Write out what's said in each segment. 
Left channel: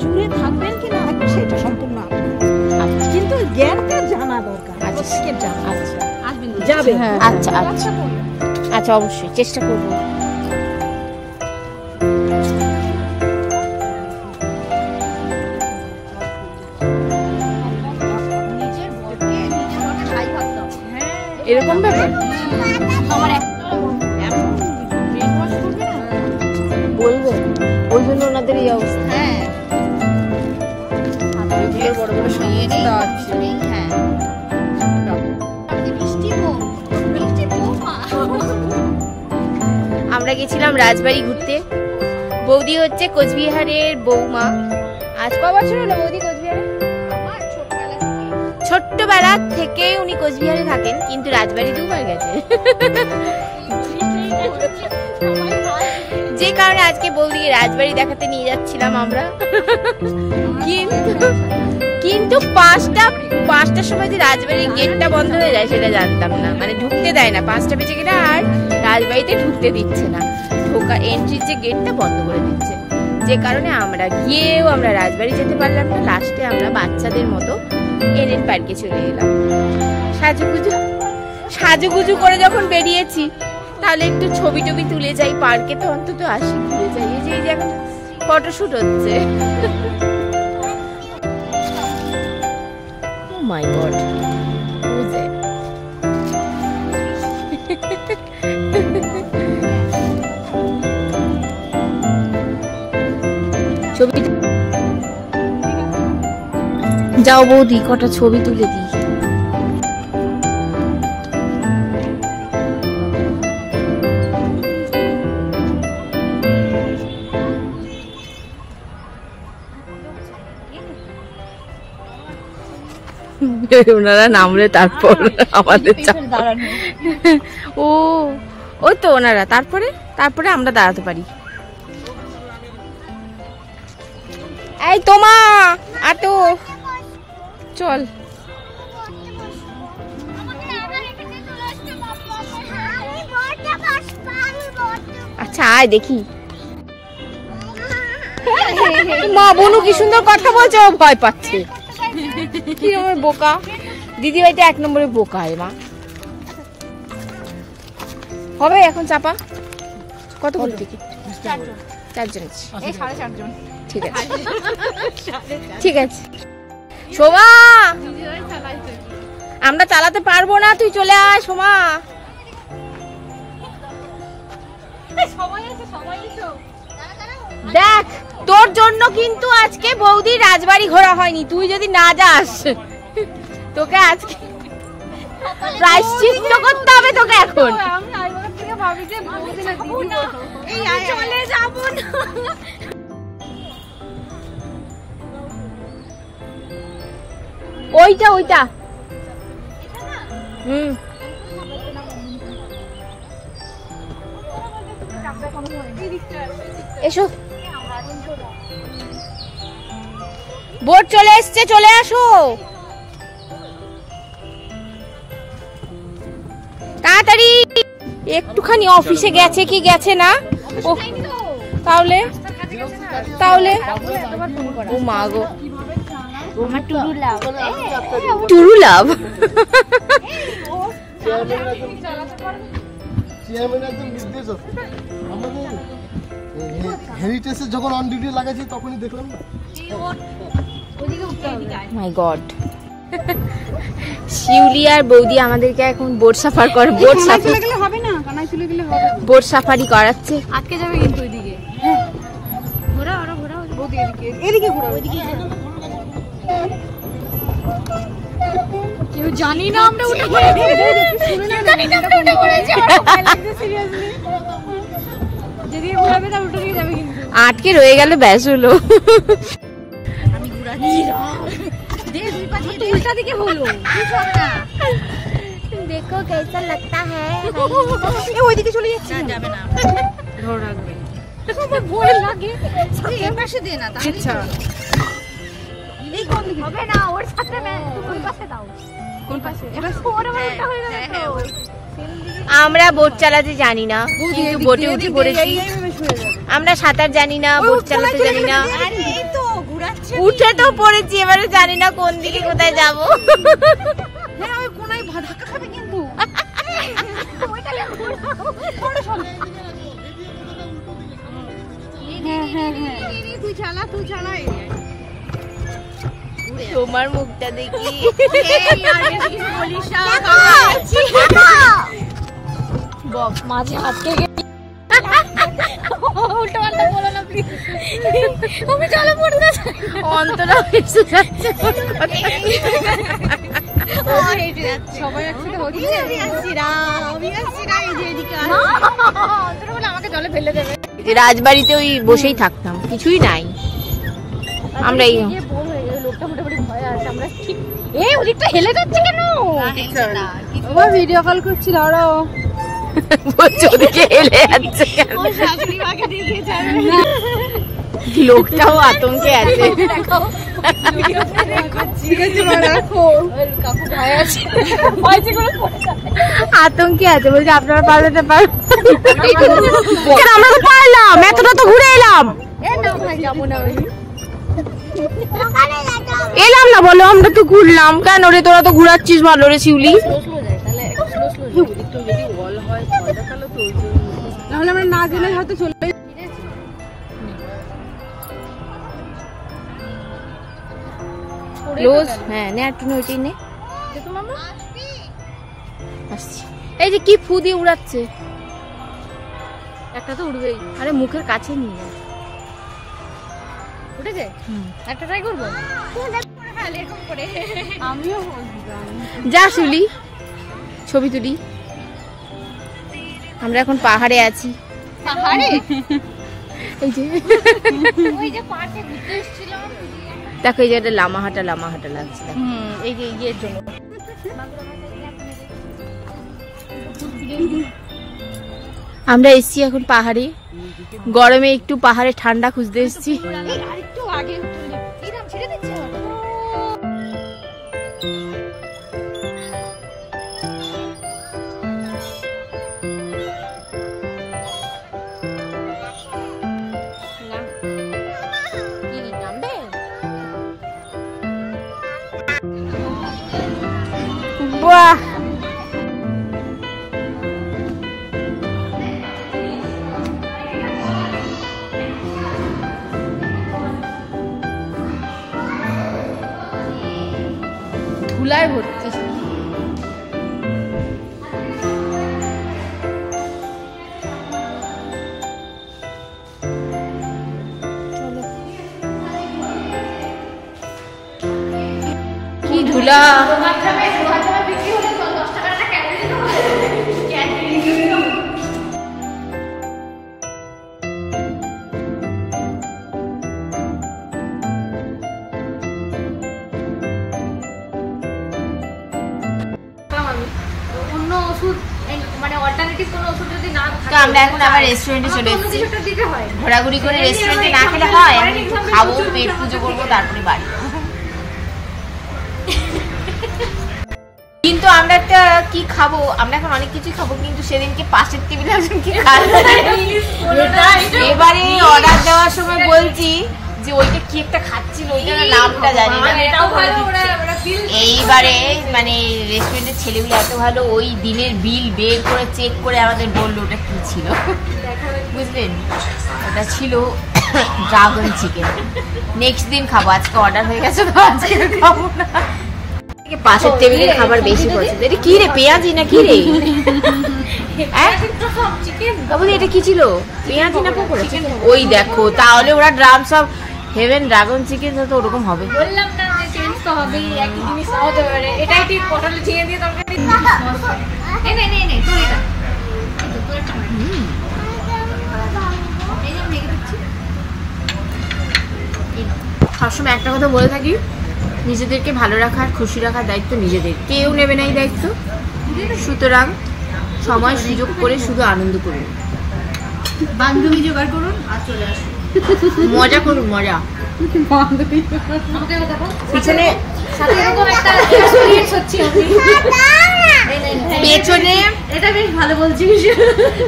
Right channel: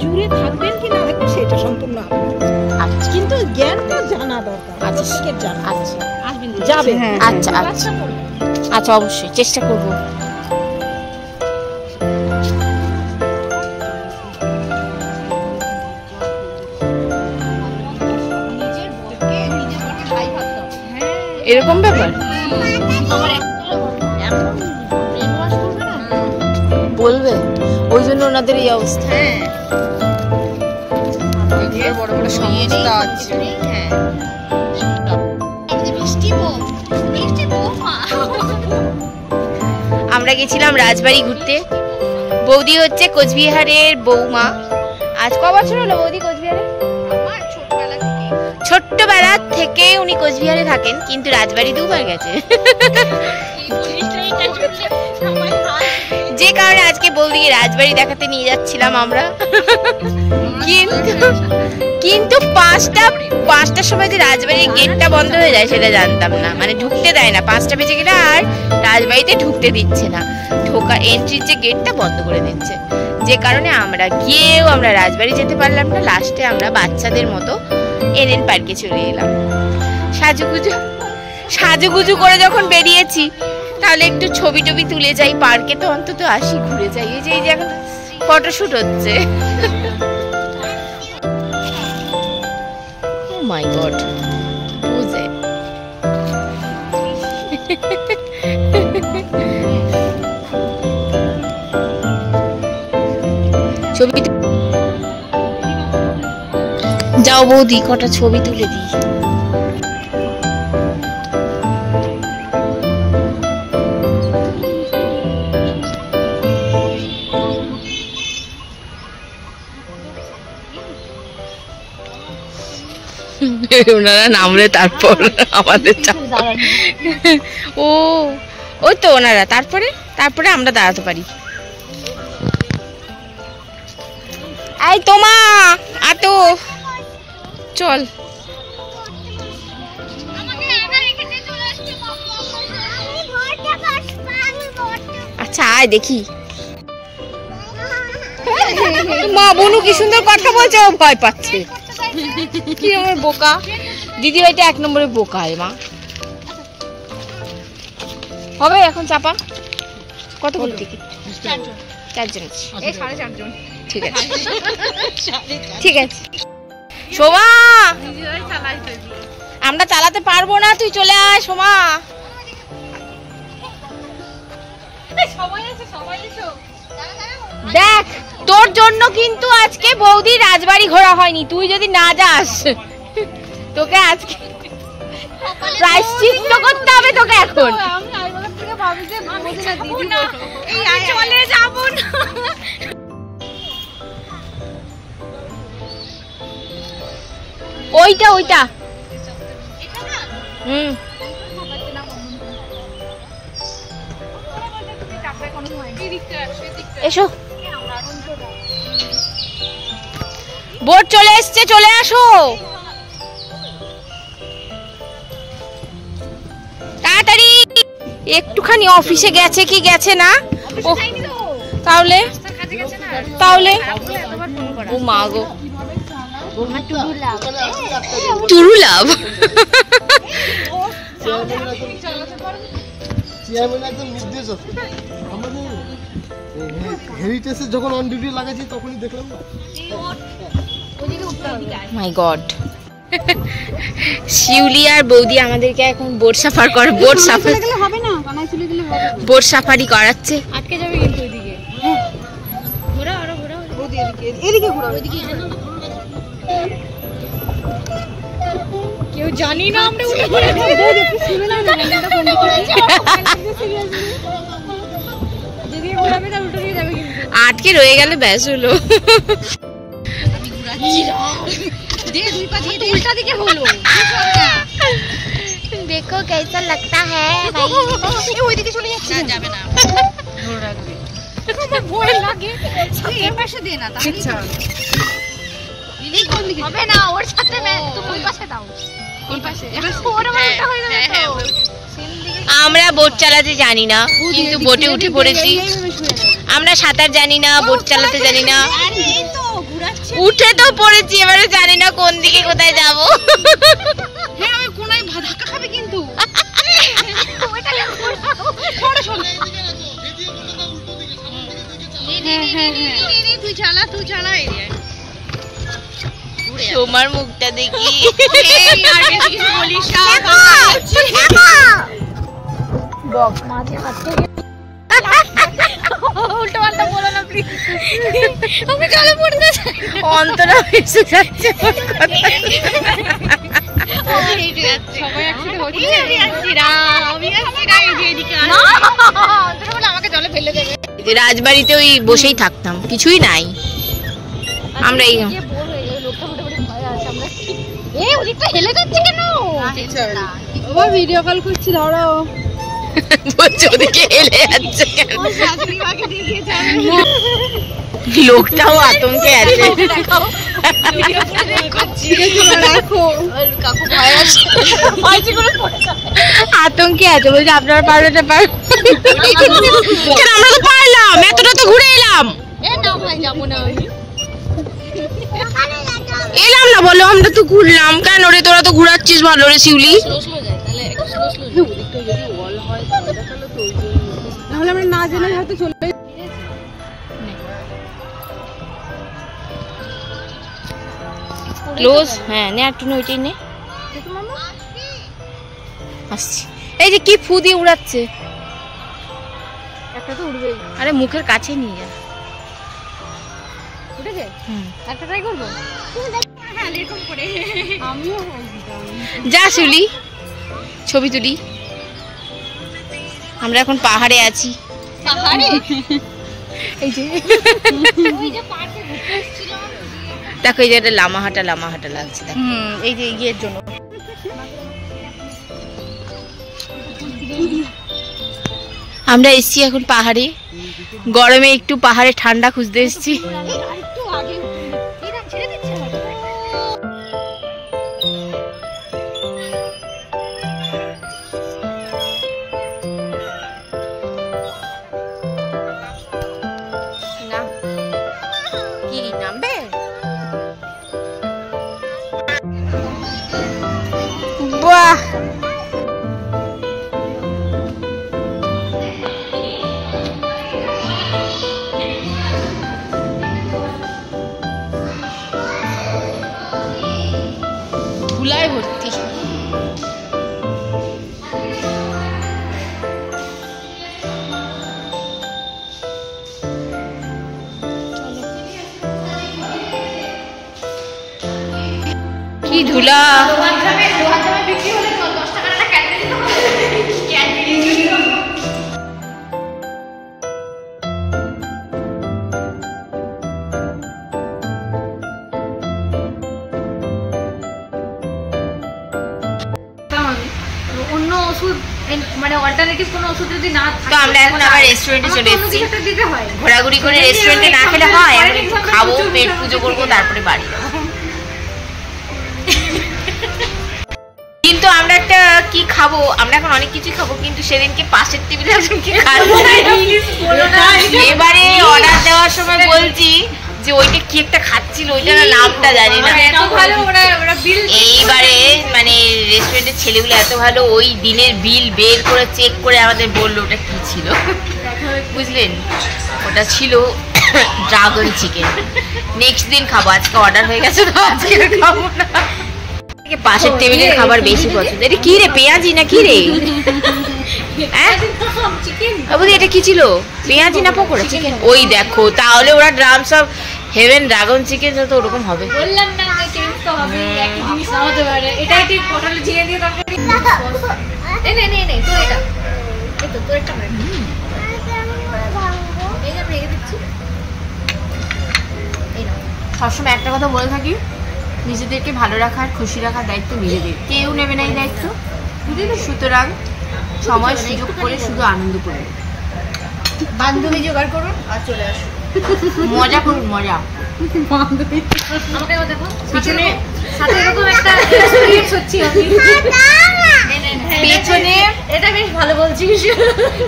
জুড়ে থাকবেন কি না থাকবেন সেটা সম্পূর্ণ আপনার, কিন্তু জ্ঞানটা জানা দরকার। আচ্ছা জানা, আচ্ছা আসবেন যাবেন, আচ্ছা আচ্ছা আচ্ছা অবশ্যই চেষ্টা করব। এরকম ব্যাপার বলবে, ওই জন্য ওনাদের এই অবস্থা। বড় বড় সমস্যা আছে। আমরা গেছিলাম রাজবাড়ি ঘুরতে। বৌদি হচ্ছে কোচবিহারের বৌমা। আজ ক বছর হলো বৌদি কোচবিহারে? ছোট্টবেলা থেকে উনি কোচবিহারে থাকেন, কিন্তু রাজবাড়ি দুবার গেছে। যে কারণে আজকে বৌদিকে রাজবাড়ি দেখাতে নিয়ে যাচ্ছিলাম আমরা। কিন্তু পাঁচটার সময় যে রাজবাড়ির গেটটা বন্ধ হয়ে যায় সেটা জানতাম না, মানে ঢুকতে দেয় না। 5টা বেজে গেলে আর রাজবাড়িতে ঢুকতে দিচ্ছে না, ঢোকা এন্ট্রির যে গেটটা বন্ধ করে দিচ্ছে। যে কারণে আমরা গিয়েও আমরা রাজবাড়ি যেতে পারলাম না। লাস্টে আমরা বাচ্চাদের মতো এনএন পার্কে চলে এলাম। সাজুগুজু করে যখন বেরিয়েছি, তাহলে একটু ছবি টবি তুলে যাই, পার্কে তো অন্তত আসি, ঘুরে যাই। এই যে এখন ফটোশুট হচ্ছে। ও মাই গড, বুঝে ছবি যাও বৌদি, কটা ছবি তুলে দিই। ওনারা নামলে তারপর আমাদের ও ওই তো ওনারা, তারপরে আমরা দাঁড়াতে পারি। এই তোমা আতো চল। আচ্ছা আয় দেখি। মা বনু কি সুন্দর কথা বলছে, ও ভয় পাচ্ছে। কি আমার বোকা দিদি ভাইটা 1 নম্বরে বোকা। মা হবে এখন চাপা? কত করে টিকিট? 4 জন। ঠিক আছে ঠিক আছে। সোমা আমরা চালাতে পারবো না, তুই চলে আয় সোমা। দেখ তোর জন্য কিন্তু আজকে বৌদি রাজবাড়ি ঘোরা হয়নি। তুই যদি না যাস তোকে আজকে প্রায়শ্চিত্ত করতে হবে তোকে এখন। ওইটা এসো, বোট চলে এসছে, চলে আসো তাড়াতাড়ি। একটুখানি অফিসে গেছে কি গেছে না? ও তাহলে ও মা গো, টুরু লাভ। হেরিটেজে যখন অন ডিউটি লাগাইছি তখনই দেখলাম। মাই গড, শিউলি আর বৌদি আমাদেরকে এখন বোট সাফার করে, বোট সাফারি করাচ্ছে। আটকে যাবে কিন্তু ওইদিকে। ঘোরা বৌদি এদিকে ঘোরা, ওইদিকে কেউ জানি না আমরা উঠে পড়ে। বৌদি শুনে না দিদি ঘোরাবে তার উঠে নিয়ে যাবে, আটকে রয়ে গেলে ব্যাস হলো। আমি ঘোরাচ্ছি দে দুই পা দিয়ে উল্টা দিকে হলো। देखो कैसा लगता है भाई। ওইদিকে চলে যাচ্ছে, যাবে না, ধরে রাখবে। ভয় লাগে, এই পাশে দে না তাহলে। আচ্ছা এই কোন দিকে হবে না, ওর সাথে তুমি ওই পাশে দাও। কোন পাশে? ওর মাথা হয়ে যাবে। হ্যাঁ আমরা বোট চালাতে জানি না, কিন্তু বোটে উঠে পড়েছি। আমরা সাঁতার জানি না, বোট চালাতে জানি না। উঠে তো পড়েছি, এবারে জানি না কোন দিকে কোথায় যাব। হ্যাঁ ওই কোনায় ধাক্কা খাবে কিন্তু। তুই চালা তোমার মুখটা দেখি। মাঝে আটকে উল্টো পাল্টা বলো না প্লিজ। আমি জলে পড়তে চাই। অন্তরা এসে যাচ্ছে। সবাই একসাথে আমাকে জলে ফেলে দেবে। রাজবাড়িতে ওই বসেই থাকতাম, কিছুই নাই। আমরা এই ওদিকটা হেলে যাচ্ছে কেন? ভিডিও কল করছি, দাঁড়াও। বলছে ওদিকে হেলে যাচ্ছে কেন? লোকটাও আতঙ্কে আছে। আতঙ্কে আছে, বলছে আপনারা পারবেন না? আমরা তো পারলাম, এতটা তো ঘুরে এলাম। এলাম না বলো, আমরা তো ঘুরলাম। কেন রে, তোরা তো ঘুরাচ্ছিস ভালো রে শিউলি। নাহলে আমরা না জেনে হয়তো চলে ক্লোজ। হ্যাঁ নে একটু ওইটাই নে। আসছি। এই যে কি ফু দিয়ে উড়াচ্ছে। একটা তো উড়বেই। আরে মুখের কাছে নিয়ে যা। উঠেছে? একটা ট্রাই করবো। আমিও যা শিউলি, ছবি তুলি। আমরা এখন পাহাড়ে আছি। এই যে দেখো, এই যে একটা লামাহাটা লাগছে। এই যে ইয়ের জন্য আমরা এসছি এখন পাহাড়ে। গরমে একটু পাহাড়ে ঠান্ডা খুঁজতে এসছি। বাহ, ধুলায় ভর্তি। কি ধুলা। তো আমরা এখন আবার রেস্টুরেন্টে চলে এসেছি। ঘোরাঘুরি করে রেস্টুরেন্টে না খেলে হয়, এখন একটু খাবো, পেট পুজো করবো, তারপরে বাড়ি যাবো। কিন্তু আমরা একটা কি খাবো, আমরা এখন অনেক কিছু খাবো, কিন্তু সেদিনকে পাশের টেবিলে একজনকে খাচ্ছে। এবারে অর্ডার দেওয়ার সময় বলছি যে ওইটা কি একটা খাচ্ছিল, ওইটার নামটা জানি না। এইবারে মানে রেস্টুরেন্টের ছেলেগুলো এত ভালো, ওই দিনের বিল বের করে চেক করে আমাদের বললো ওটা কি ছিল। বুঝলেন, ওটা ছিল ড্রাগন চিকেন। নেক্সট দিন খাবো, আজকে অর্ডার হয়ে গেছে তো আজকে খাবো না। পাশের টেবিলের খাবার বেশি পছন্দ। এটা কি রে, পেঁয়াজি না কি রে? এটা কি ছিল, পেঁয়াজি না পকোড়া চিকেন? ওই দেখো, তাহলে ওরা ড্রাম সব হেভেন ড্রাগন চিকেন তো ওরকম হবে। বললাম না হবে, একই জিনিস হতে পারে। এটাই ঠিক, পটল ঝিঙে দিয়ে তরকারি। নে নে নে তোর এটা, এই তো তোর এটা। এই না ভেঙে দিচ্ছি। এই নাও। সবসময় একটা কথা বলে থাকি, নিজেদেরকে ভালো রাখার, খুশি রাখার দায়িত্ব নিজেদের, কেউ নেবে না এই দায়িত্ব। সুতরাং সময় সুযোগ করে শুধু আনন্দ করুন, বান্ধবী জোগাড় করুন আর চলে আসুন, মজা করুন, মজা। পিছনে পেছনে এটা বেশ ভালো বলছিস,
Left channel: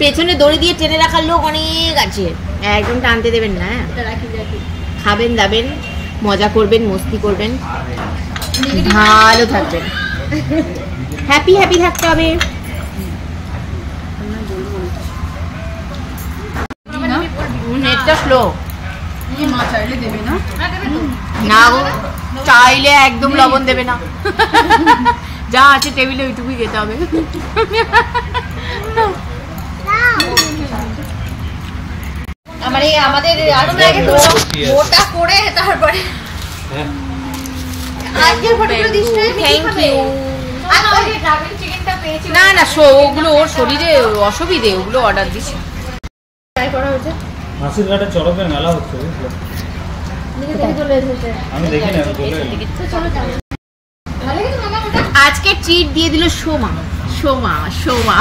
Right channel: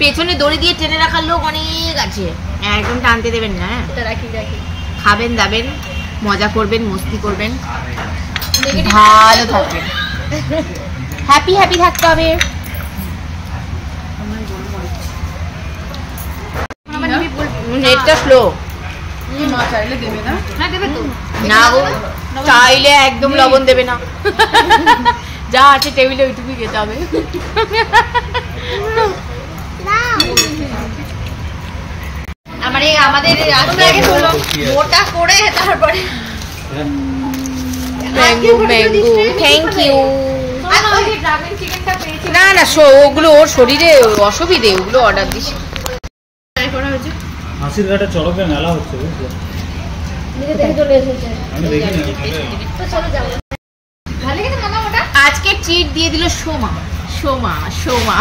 পেছনে দড়ি দিয়ে টেনে রাখার লোক অনেক আছে, একদম টানতে দেবেন না। খাবেন দাবেন, মজা করবেন, মস্তি করবেন, ভালো থাকবেন, হ্যাপি হ্যাপি থাকতে হবে। নেটটা স্লো না গো, চাইলে একদম লবণ দেবে না, যা আছে টেবিলে ওইটুকুই খেতে হবে। আমাদের মোটা করে তারপরে না না, ওগুলো ওর শরীরে অসুবিধে, ওগুলো অর্ডার দিস। মাসির ঘাটে চড়কের মেলা হচ্ছে, বুঝলো? আমি দেখিনি। আজকে ট্রিট দিয়ে দিল সোমা। সোমা সোমা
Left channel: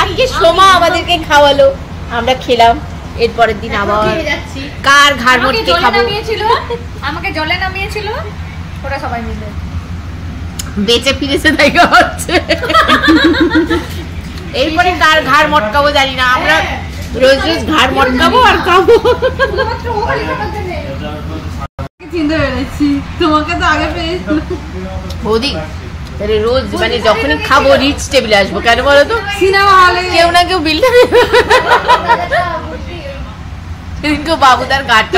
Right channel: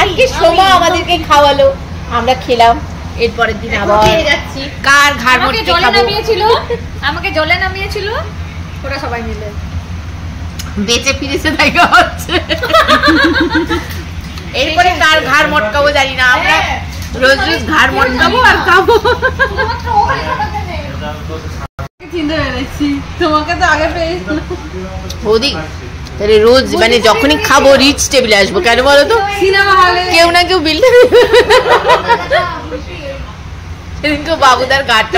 আজকে সোমা আমাদেরকে খাওয়ালো, আমরা খেলাম। এরপরের দিন আবার কার ঘাড় মটকে খাবো। আমাকে জলে নামিয়েছিল, ওরা সবাই মিলে বেঁচে ফিরেছে, তাই হচ্ছে। এরপরে কার ঘাড় মটকাবো জানি না, আমরা রোজ রোজ ঘাড় মটকাবো আর খাবো। চিনতে পেরেছি, তোমাকে তো আগে পেয়েছিল। বৌদি তাহলে রোজ মানে যখনই খাবো রিচ টেবিলে আসবো, কেন বলো তো? সিনেমা হলে কেউ না কেউ বিল দেবে। সেদিনকে বাবুদার গাড়টা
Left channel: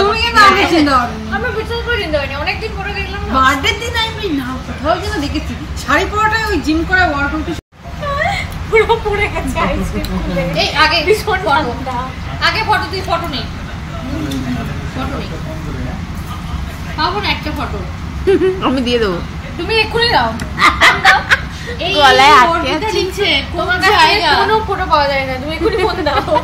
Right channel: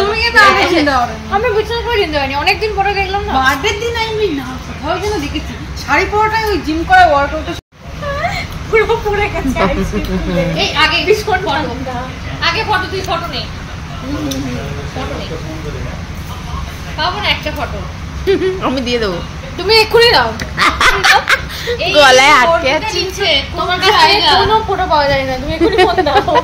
আমি বিশ্বাস করে চিনতে পারিনি, অনেকদিন পরে দেখলাম। বার্থডে দিন আমি না কোথাও যেন দেখেছি শাড়ি পরাটাই, ওই জিম করা ওয়ার্কআউট পুরো পড়ে গেছে। এই আগে ভীষণ ঠান্ডা, আগে ফটো, তুই ফটো নেই, ফটো নেই, পাবো না একটা ফটো, আমি দিয়ে দেবো, তুমি এক্ষুনি দাও। গলায় আটকে আছে, তোমার কাছে কোনো ফটো পাওয়া যায় না, তুমি এক্ষুনি ফোন দাও।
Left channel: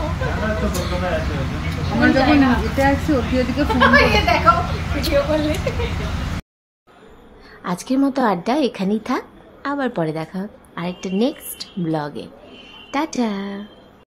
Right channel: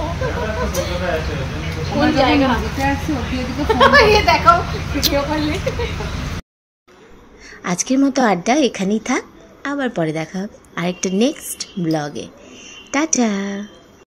আজকের মতো আড্ডা এখানেই থাক, আবার পরে দেখা হবে আরেকটা নেক্সট ব্লগে। টাটা।